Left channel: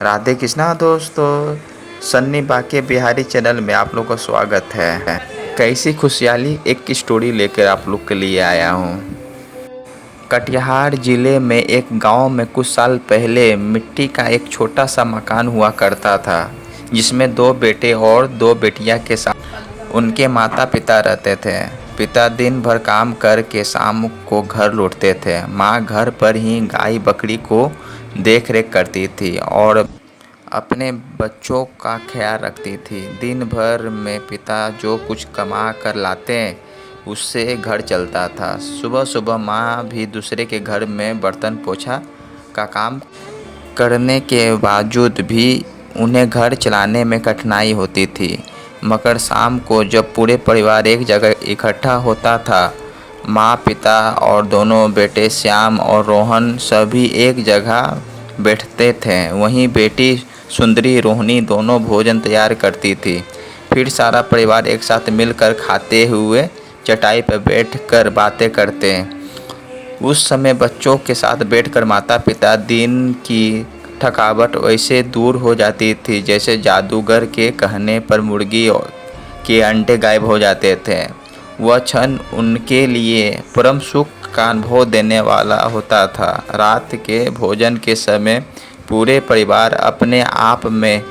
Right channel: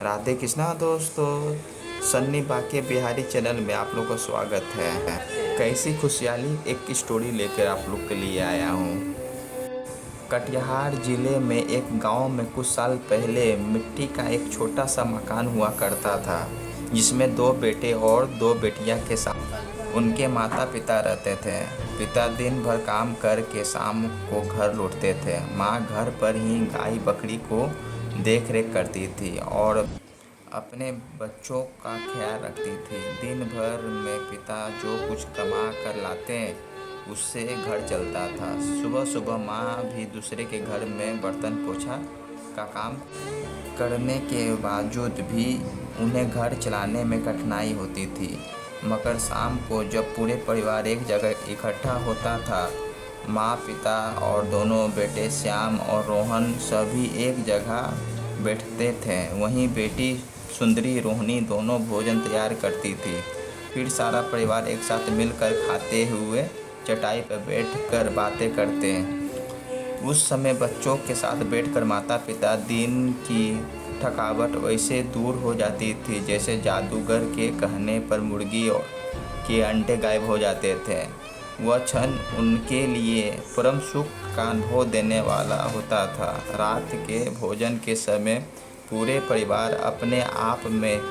राधे कृष्णा दोस्तों, सन्नी बाके बिहारी चैनल में आप लोग का स्वागत है। कैसी खुशहाली एक की स्टोरी लेकर आप लोग के लिए आया हूँ। कटिहार जिले में एक गांव में कुछ साल पहले मिट्टी का एक छोटा सा मकान हुआ करता था, जिसमें दो बेटे और दो बेटियां के साथ उनके माता पिता रहते थे। पिता दिन भर काम करके शाम को घर लौटते थे। माँ घर पर ही गाय बकरी को देख रेख करती थी और अपने बच्चों का ख्याल रखती थी। दिन भर में पिता जो कुछ कमा कर लाते उससे घर चलता था। सुबह सुबह माँ भी दूसरे के घर में बर्तन पोछा का काम करने के बावजूद भी उन्हें घर चलाने में कठिनाई होती थी। मगर शाम को जब पूरे परिवार एक जगह इकट्ठा होता था, माँ पिता और दोनों बेटे श्याम और रोहन सभी एक जगह बैठते थे। वहीं बेटी सुंदरी रोहिणी दोनों भोजन तैयार करती थी। फिर सारा परिवार एक साथ मिलकर खाते हुए चटाई पर बैठकर बातें करते। उस समय बच्चों के साथ बैठकर माता पिता दिन की थकावट वैसे दूर हो जाती थी जैसे जादूगर के कहने पर मुर्गी के अंडे गायब हो जाते थे। वह क्षण उनके लिए परम सुख का अनुभव देने वाला होता था। रात के भोजन के समय पूरे परिवार अपने आप में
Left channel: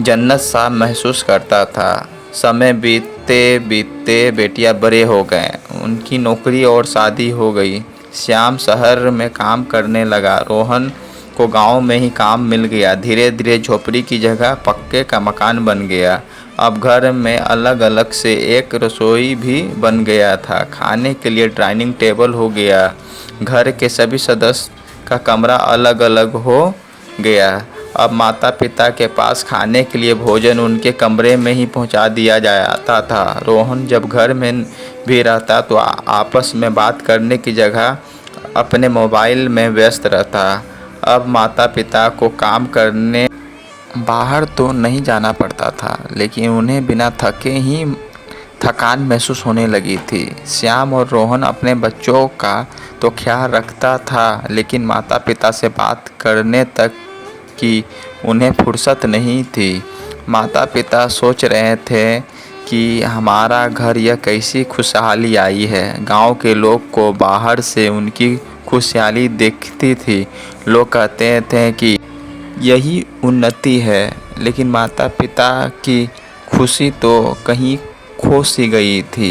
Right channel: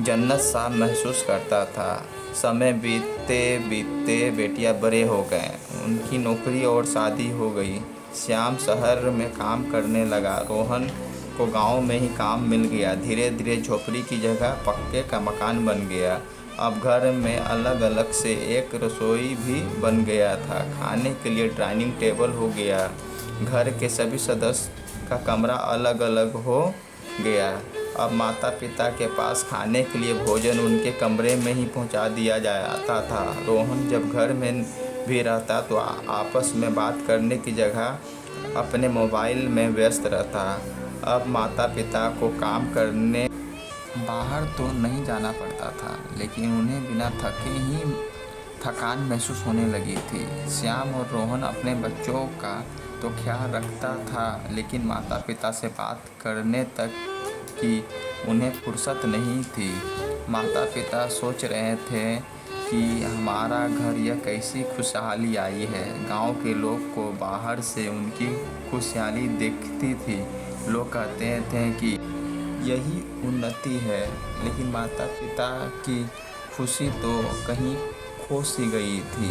जन्नत सा महसूस करता था। समय बीतते बीतते बेटियां बड़े हो गए, उनकी नौकरी और शादी हो गई। श्याम शहर में काम करने लगा, रोहन को गांव में ही काम मिल गया। धीरे धीरे झोपड़ी की जगह पक्के का मकान बन गया। अब घर में अलग अलग से एक रसोई भी बन गया था। खाने के लिए डाइनिंग टेबल हो गया। घर के सभी सदस्य का कमरा अलग अलग हो गया। अब माता पिता के पास खाने के लिए भोजन उनके कमरे में ही पहुंचा दिया जाता था। रोहन जब घर में भी रहता तो आपस में बात करने की जगह अपने मोबाइल में व्यस्त रहता। अब माता पिता को काम करने बाहर तो नहीं जाना पड़ता था, लेकिन उन्हें बिना थके ही थकान महसूस होने लगी थी। श्याम और रोहन अपने बच्चों का तो ख्याल रखता था, लेकिन माता पिता से बात करने तक की उन्हें फुर्सत नहीं थी। माता पिता सोच रहे थे कि हमारा घर यह कैसी खुशहाली आई है। गांव के लोग को बाहर से उनकी खुशहाली दिखती थी। लोग कहते थे कि यही उन्नति है, लेकिन माता पिता की खुशी तो कहीं खो सी गई थी।